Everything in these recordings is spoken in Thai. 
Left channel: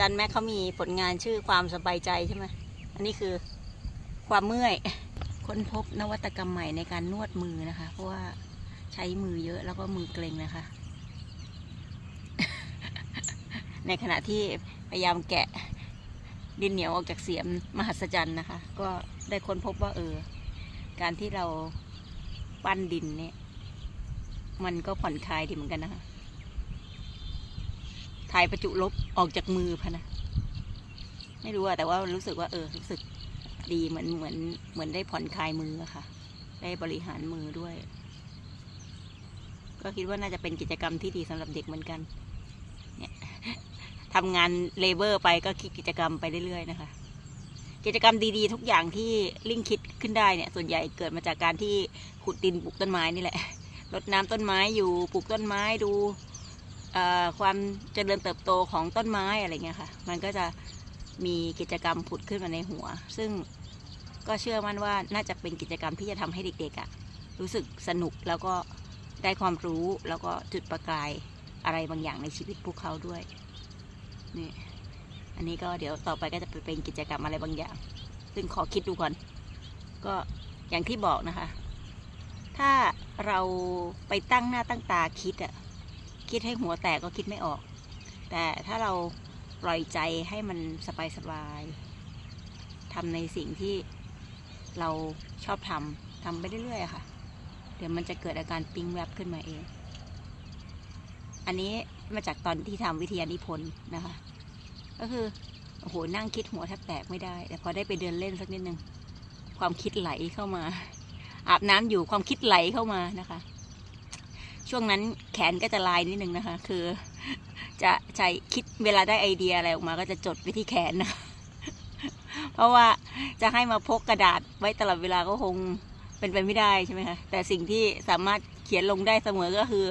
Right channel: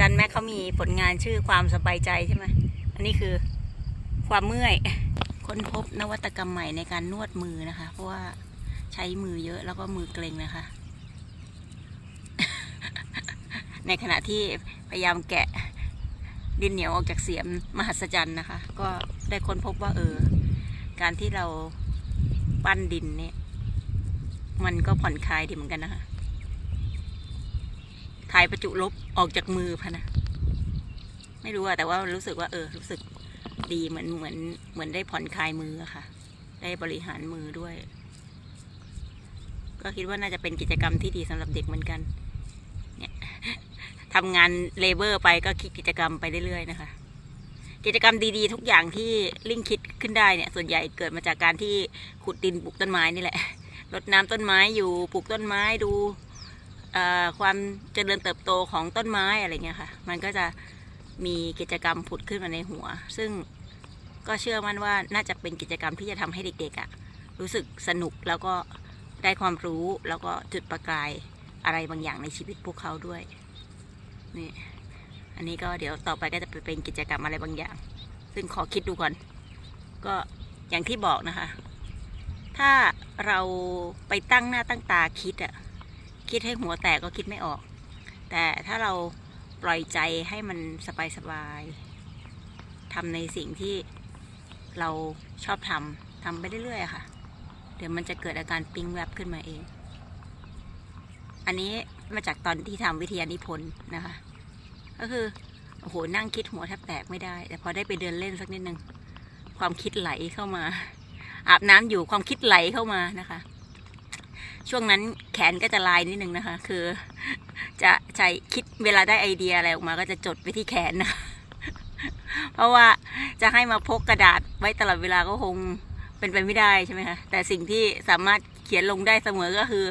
จันแม็กเขามีผลงานชื่อความสบายใจใช่ไหมอันนี้คือความเมื่อย ค้นพบนวัตกรรมใหม่ในการนวดมือนะคะ เพราะว่าใช้มือเยอะแล้วก็มือเกร็งนะคะ ในขณะที่พยายามแกะดินเหนียวออกจากเสียมมหัศจรรย์นะคะ ก็ได้ค้นพบว่าเออ การที่เราปั้นดินเนี่ย มันก็ผ่อนคลายดีเหมือนกันนะคะ ถ่ายประจุลบออกจากมือพะนะ ไม่รู้อะแต่ว่ารู้สึกว่า เออ รู้สึกดีเหมือนเหมือนเหมือนได้ผ่อนคลายมือค่ะ ได้บริหารมือด้วย ก็คิดว่าน่าจะเป็นกิจกรรมที่ดีสำหรับเด็กเหมือนกัน เนี่ยทำงานเลเบอร์ไปก็คิดกิจกรรมไปเรื่อยๆนะคะ กิจกรรมดีๆ ทุกอย่างที่ลิงคิดขึ้นได้เนี่ย ส่วนใหญ่เกิดมาจากการที่ขุดดินปลูกต้นไม้นี่แหละรดน้ำต้นไม้อยู่ปลูกต้นไม้ดู ความเจริญเติบโตของต้นไม้อะไรเงี้ยค่ะ มันก็จะมีกิจกรรมผุดขึ้นมาในหัว ซึ่งก็เชื่อมั่นว่าน่าจะเป็นกิจกรรมที่จะทำให้เด็กๆอะรู้สึกสนุกแล้วก็ได้ความรู้แล้วก็จุดประกายอะไรบางอย่างในชีวิตพวกเขาด้วยนี่อันนี้ก็เดี๋ยวต่อไปก็จะเป็นกิจกรรมอะไรบางอย่าง ซึ่งขอคิดดูก่อน ก็อย่างที่บอกนะคะ ถ้าเราไปตั้งหน้าตั้งตาคิดอะ คิดให้หัวแตกก็คิดไม่ออก แต่ถ้าเราปล่อยใจให้มันสบายๆทำในสิ่งที่เราชอบทำทำไปเรื่อยๆค่ะ เดี๋ยวมันจะเกิดอาการปิ๊งแวบขึ้นมาเอง อันนี้มาจากตอนที่ทำวิทยานิพนธ์นะคะ ก็คือโอ้โหนั่งคิดหัวแทบแตกไม่ได้ แต่พอได้ไปเดินเล่นสักนิดนึง ความคิดไหลเข้ามา อาบน้ำอยู่ความคิดไหลเข้ามานะคะ ช่วงนั้นแขนก็จะลายนิดนึงนะคะ คือ จะใช้คิดเวลาได้ไอเดียอะไรออกมาก็จะจดไว้ที่แขนนะเพราะว่าจะให้มาพกกระดาษไว้ตลอดเวลาก็คงเป็นไปไม่ได้ใช่ไหมคะแต่สิ่งที่สามารถเขียนลงได้เสมอก็คือ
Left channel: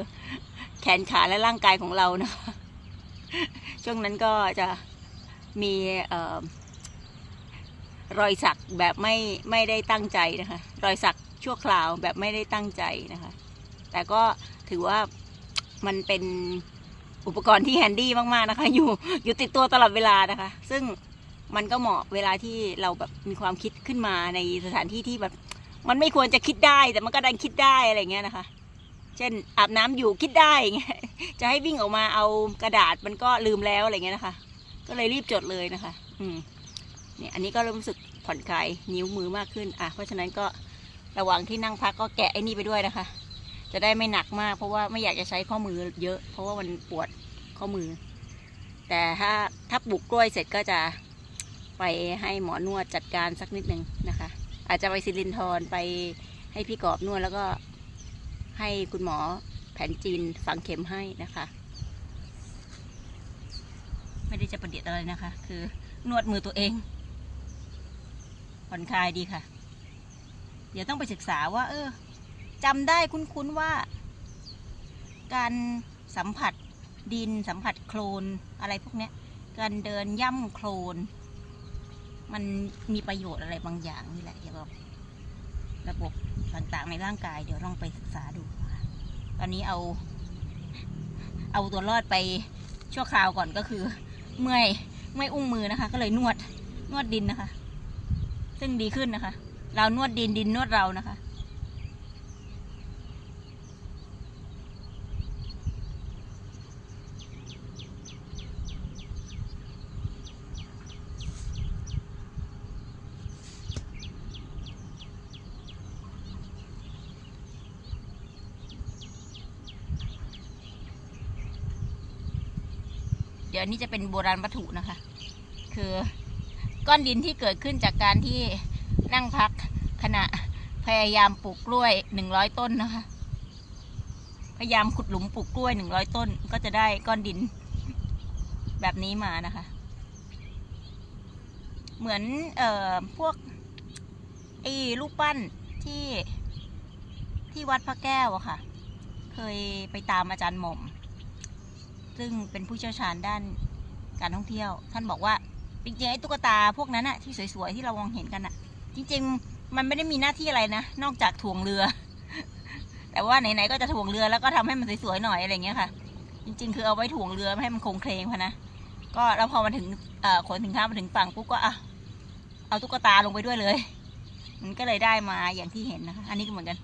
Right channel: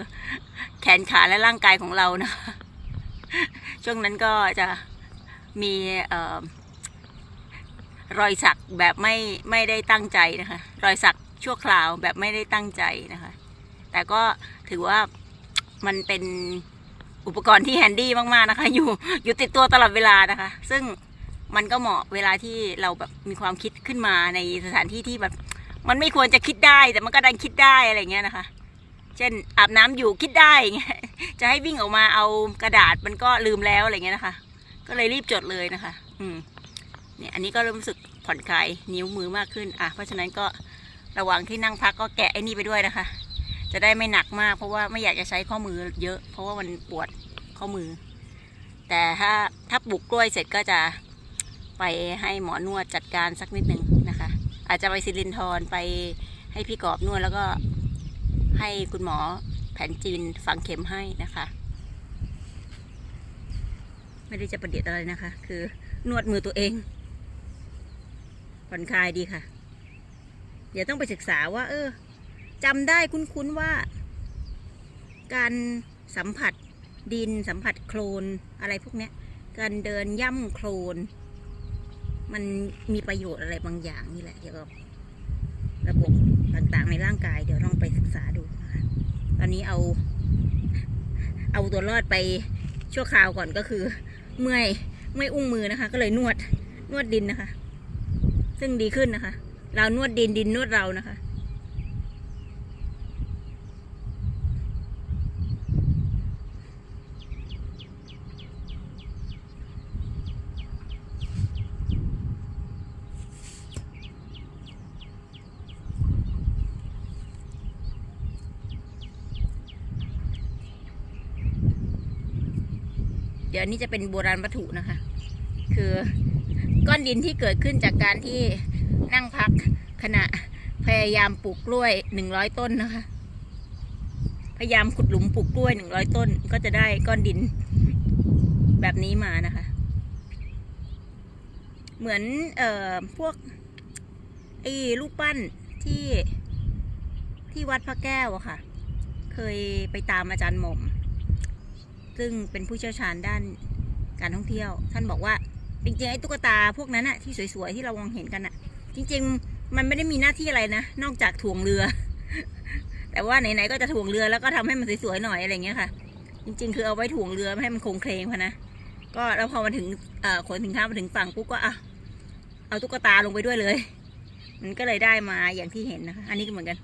แขนขาและร่างกายของเรานะคะช่วงนั้นก็จะมีออรอยสักแบบไม่ไม่ได้ตั้งใจนะคะ รอยสักชั่วคราวแบบไม่ได้ตั้งใจนะคะ แต่ก็ถือว่ามันเป็นอุปกรณ์ที่แฮนดี้มากๆนะคะ อยู่อยู่ติดตัวตลอดเวลานะคะ ซึ่งมันก็เหมาะเวลาที่เราแบบมีความคิดขึ้นมาในสถานที่ที่แบบ มันไม่ควรจะคิดได้แต่มันก็ดันคิดได้อะไรเงี้ยนะคะ เช่นอาบน้ำอยู่คิดได้เงี้ยจะให้วิ่งออกมาเอากระดาษมันก็ลืมแล้วอะไรเงี้ยนะคะ ก็เลยรีบจดเลยนะคะ อืมเนี่ยอันนี้ก็เริ่มรู้สึกผ่อนคลายนิ้วมือมากขึ้น อะเพราะฉะนั้นก็ระหว่างที่นั่งพักก็แกะไอ้นี่ไปด้วยนะคะ จะได้ไม่หนักมาก เพราะว่าไม่อยากจะใช้ข้อมือเยอะ เพราะว่ามันปวดข้อมือ แต่ถ้าถ้าปลูกกล้วยเสร็จก็จะไปให้หมอนวดจัดการสักนิดหนึ่งนะคะ อาจจะไปซิลินทรไปให้พี่กอบนวดแล้วก็ให้คุณหมอแผนจีนฝังเข็มให้นะคะ ไม่ได้จะประเดี๋ยวอะไรนะคะ คือนวดมือตัวเองผ่อนคลายดีค่ะ เดี๋ยวต้องไปศึกษาว่า เออ จำได้คุ้นๆว่า การสัมผัสดินสัมผัสโคลนอะไรพวกนี้การเดินย่ำโคลน มันมีประโยชน์อะไรบางอย่างนี่แหละเกี่ยวกับระบบต่างๆในร่างกาย เดี๋ยวลองไปศึกษาดูตอนนี้เอา เอาตัวรอดไปชั่วคราวก่อนก็คือ เมื่อยเมื่อยอุ้งมือนะคะ ก็เลยนวดนวดดินนะคะ ซึ่งดีขึ้นนะคะ เรานวดดินดินนวดเรานะคะ เดี๋ยวนี้จะเป็นโบราณวัตถุนะคะ คือก้อนดินที่เกิดขึ้นจากการที่นั่งพักขณะพยายามปลูกกล้วยหนึ่งร้อยต้นนะคะ พยายามขุดหลุมปลูกกล้วยหนึ่งร้อยต้น ก็จะได้ก้อนดินแบบนี้มานะคะ เหมือนเอ่อพวกไอ้ลูกปั้นที่ที่วัดพระแก้วอะค่ะ เคยไปตามอาจารย์หม่อม ซึ่งเป็นผู้เชี่ยวชาญด้านการท่องเที่ยว ท่านบอกว่าจริงๆไอ้ตุ๊กตาพวกนั้นอะที่สวยๆที่เรามองเห็นกันอะจริง ๆ มันไม่ได้มีหน้าที่อะไรนะนอกจากถ่วงเรือ แต่ว่าไหนๆก็จะถ่วงเรือแล้วก็ทำให้มันสวยๆหน่อยอะไรเงี้ยค่ะ จริง ๆ คือเอาไว้ถ่วงเรือให้มันคงเคลงพะนะก็แล้วพอมาถึงขนสินค้ามาถึงฝั่งปุ๊บก็อะเอาตุ๊กตาลงไปด้วยเลย มันก็เลยได้มาอย่างที่เห็นนะคะ อันนี้ก็เหมือนกัน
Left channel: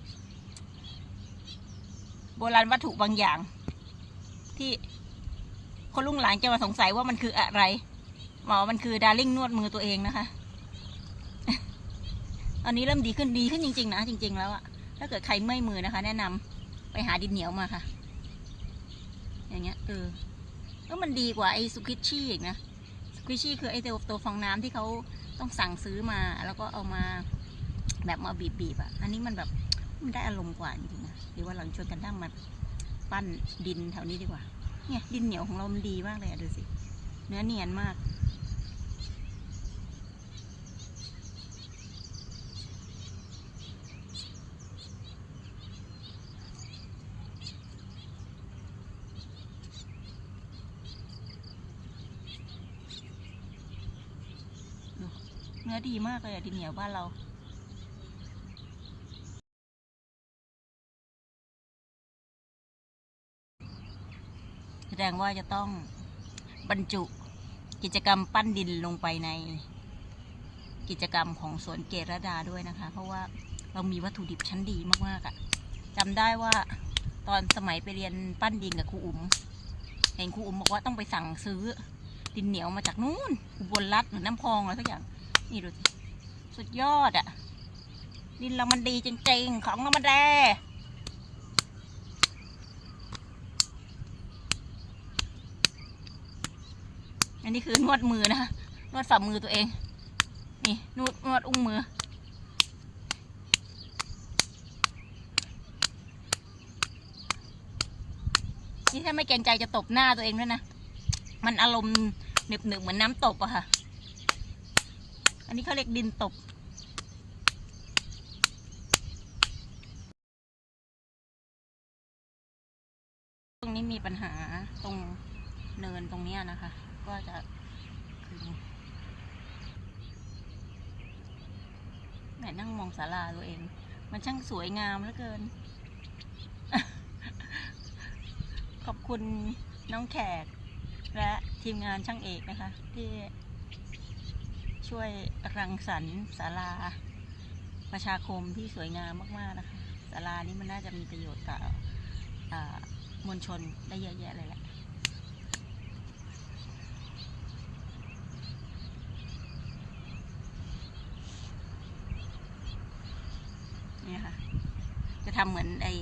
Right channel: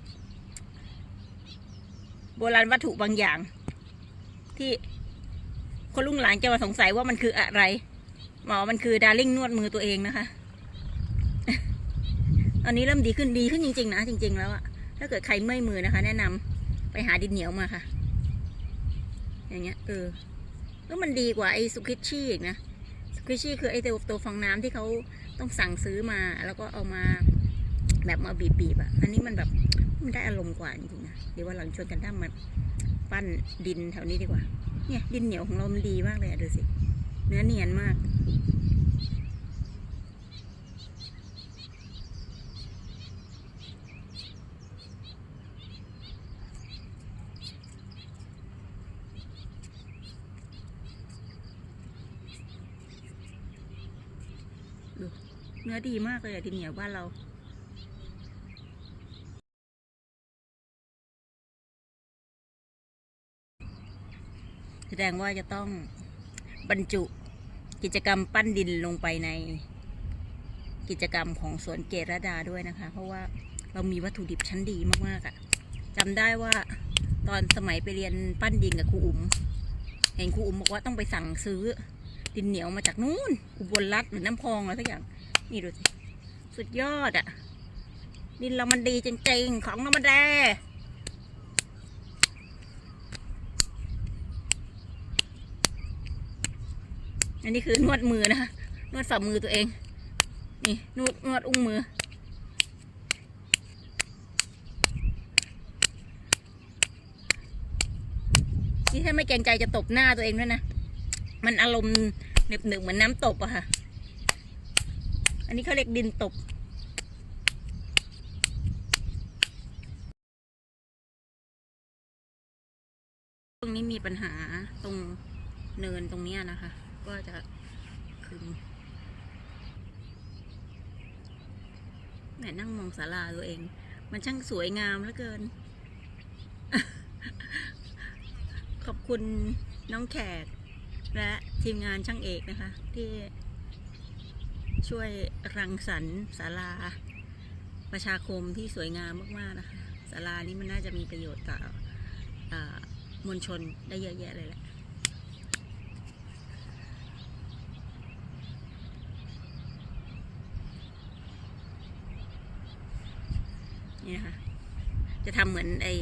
โบราณวัตถุบางอย่าง ที่ คนลุงหลานจะมาสงสัยว่ามันคืออะไร หมอมันคือดาริ่งนวดมือตัวเองนะคะ ตอนนี้เริ่มดีขึ้นดีขึ้นจริง ๆ นะจริง ๆ แล้วอะถ้าเกิดใครเมื่อยมือนะคะ แนะนำไปหาดินเหนียวมาค่ะ อย่างเงี้ยเออก็มันดีกว่าไอ้สุกิชชี่อีกนะสุกิชชี่คือไอ้ตัวตัวฟองน้ำที่เขาต้องสั่งซื้อมา แล้วก็เอามาแบบมาบีบๆอะอันนี้มันแบบมันได้อารมณ์กว่าจริงๆนะเดี๋ยวว่าเราชวนกันทำมาปั้นดินแถวนี้ดีกว่า เนี่ยดินเหนียวของเรามันดีมากเลยดูสิ เนื้อเนียนมาก เนื้อดีมากเลยอะดินเหนียวบ้านเรา ดงว่าจะต้องบรรจุกิจกรรมปั้นดินลงไปในกิจกรรมของสวนเกตรดาด้วยนะคะ เพราะว่าเรามีวัตถุดิบชั้นดีมากๆอะ่ะจำได้ว่าตอนสมัยไปเรียนปั้นดินกับครูอุ๋มเห็นครูอุ๋มบอกว่าต้องไปสั่งซื้อดินเหนียวมาจากนู้นอุบลรัฐหรือน้ำพองอะไรสักอย่างนี่ดูสุดยอดอะ่ะดินเรามันดีจริงๆของธรรมดา อันนี้คือนวดมือนะคะนวดฝ่ามือตัวเอง นี่นวดนวดอุ้งมือ นี่ถ้าไม่เกรงใจจะตบหน้าตัวเองด้วยนะ มันอารมณ์หนึบหนึบเหมือนน้ำตบอะค่ะ อันนี้เขาเรียกดินตบตรงนี้มีปัญหาตรงเนินตรงนี้นะคะ ก็จะคือแหมนั่งมองศาลาตัวเอง มันช่างสวยงามเหลือเกิน ขอบคุณน้องแขก และทีมงานช่างเอกนะคะ ที่ช่วยรังสรรค์ศาลาประชาคมที่สวยงามมาก ๆ นะคะศาลานี้มันน่าจะมีประโยชน์ต่ออมวลชนได้เยอะแยะเลยแหละ นี่นะคะจะทำเหมือนไอ้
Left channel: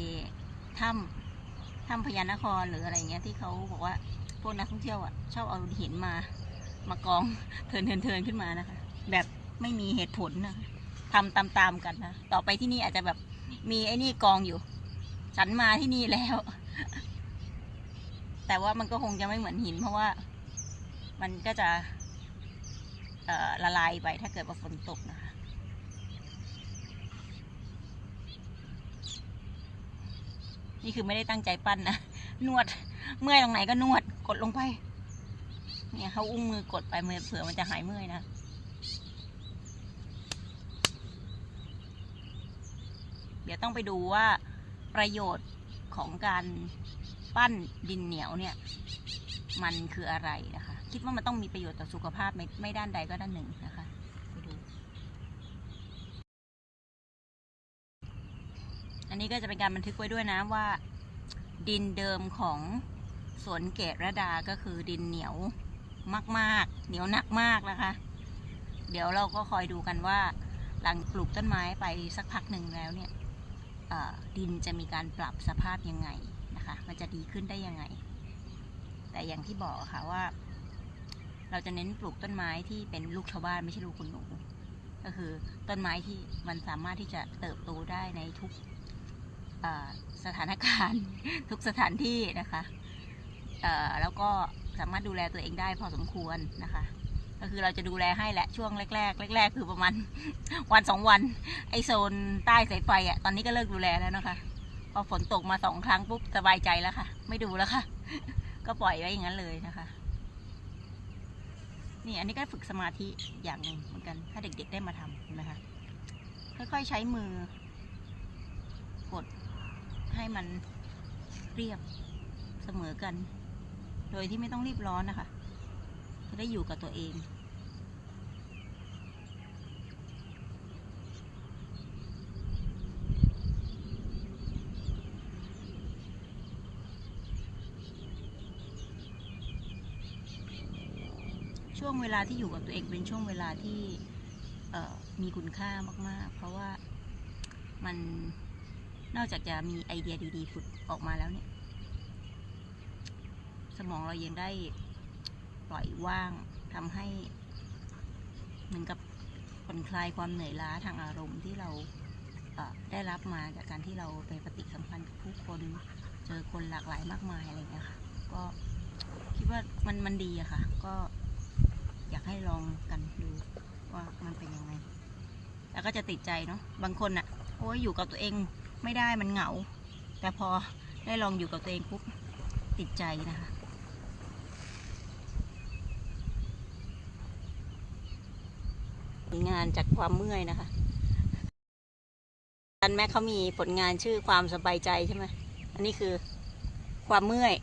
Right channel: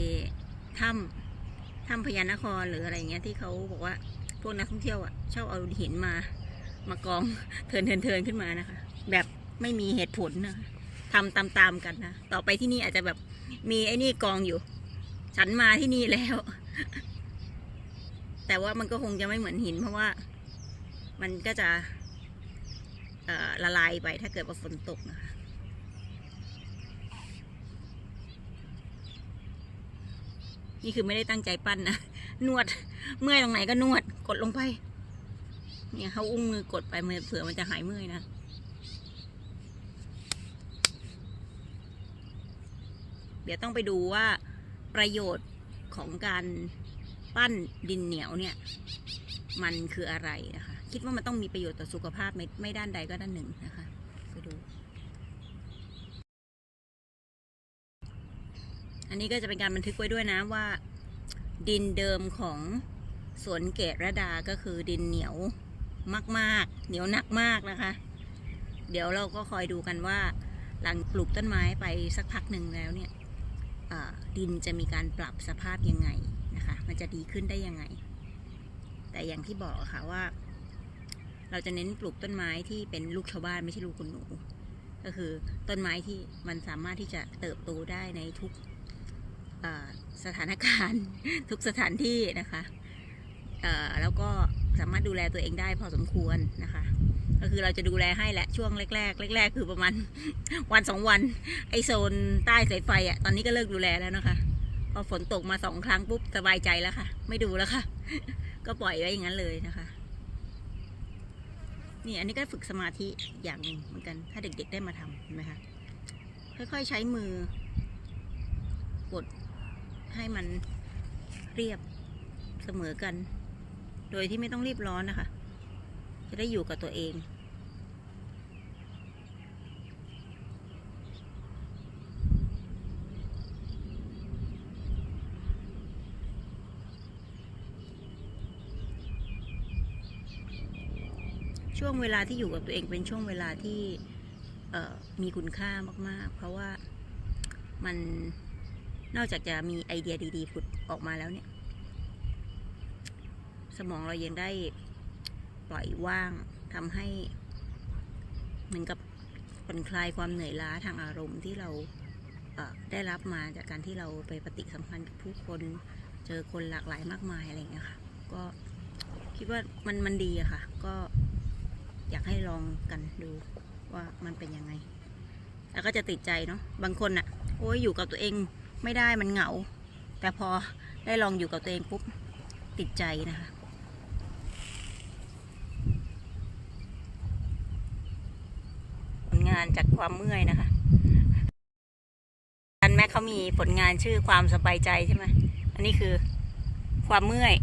ถ้ำถ้ำพญานครหรืออะไรเงี้ยที่เขาบอกว่าพวกนักท่องเที่ยวอะชอบเอาหินมามากองเทินเทินเทินขึ้นมานะคะ แบบไม่มีเหตุผลนะคะทำตามๆกันนะต่อไปที่นี่อาจจะแบบมีไอ้นี่กองอยู่ ฉันมาที่นี่แล้ว แต่ว่ามันก็คงจะไม่เหมือนหิน เพราะว่า มันก็จะละลายไปถ้าเกิดว่าฝนตกนะคะ นี่คือไม่ได้ตั้งใจปั้นนะ นวด เมื่อยตรงไหนก็นวด กดลงไป เนี่ยเขาอุ้งมือกดไปเผื่อมันจะหายเมื่อยนะเดี๋ยวต้องไปดูว่าประโยชน์ของการปั้นดินเหนียวเนี่ย มันคืออะไรนะคะ คิดว่ามันต้องมีประโยชน์ต่อสุขภาพไม่ไม่ด้านใดก็ด้านหนึ่งนะคะ ไปดู อันนี้ก็จะเป็นการบันทึกไว้ด้วยนะว่า ดินเดิมของสวนเกตระดาก็คือดินเหนียวมากๆ เหนียวหนักมากนะคะ เดี๋ยวเราก็คอยดูกันว่า หลังปลูกต้นไม้ไปสักพักหนึ่งแล้วเนี่ยดินจะมีการปรับสภาพยังไงนะคะ มันจะดีขึ้นได้ยังไง แต่อย่างที่บอกค่ะว่า เราจะเน้นปลูกต้นไม้ที่เป็นลูกชาวบ้านไม่ใช่ลูกคนหนู ก็คือต้นไม้ที่มันสามารถที่จะเติบโตได้ในทุก สถานการณ์ทุกสถานที่นะคะแล้วก็สามารถดูแลตัวเองได้พอสมควรนะคะ ก็คือเราจะดูแลให้แหละช่วงแรกๆแรก ๆ คือประมาณวันสองวัน ไอโซนใต้สายไฟอะตอนนี้ก็เลิกดูแลแล้วนะคะ พอฝนตกมาสองครั้งปุ๊บสบายใจแล้วค่ะ ไม่ดูแล้วค่ะ ก็ปล่อยไว้อย่างนั้นเลยนะคะ นี่อันนี้ก็ฝึกสมาธิอย่างหนึ่งเหมือนกัน ถ้าเด็กๆได้มาทำเห็นไหมคะค่อยๆใช้มือกด ให้มันเรียบเสมอกัน โดยที่ไม่ต้องรีบร้อนนะคะ จะได้อยู่กับตัวเองช่วงเวลาที่อยู่กับตัวเองเป็นช่วงเวลาที่มีคุณค่ามาก ๆ เพราะว่ามัน นอกจากจะมีไอเดียดีๆผุดออกมาแล้วเนี่ย สมองเรายังได้ปล่อยว่างทำให้เหมือนกับผ่อนคลายความเหนื่อยล้าทางอารมณ์ที่เราได้รับมาจากการที่เราไปปฏิสัมพันธ์กับผู้คนเจอคนหลากหลายมากมายอะไรเงี้ยค่ะ ก็คิดว่ามันมันดีอะค่ะ ก็อยากให้ลองกันดูว่ามันเป็นยังไง แล้วก็จะติดใจเนาะบางคนอะโอ้ยอยู่กับตัวเอง ไม่ได้มันเหงา แต่พอได้ลองอยู่กับตัวเองปุ๊บติดใจนะคะผลงานจากความเมื่อยนะคะอันแม้เขามีผลงานชื่อความสบายใจใช่ไหมอันนี้คือความเมื่อย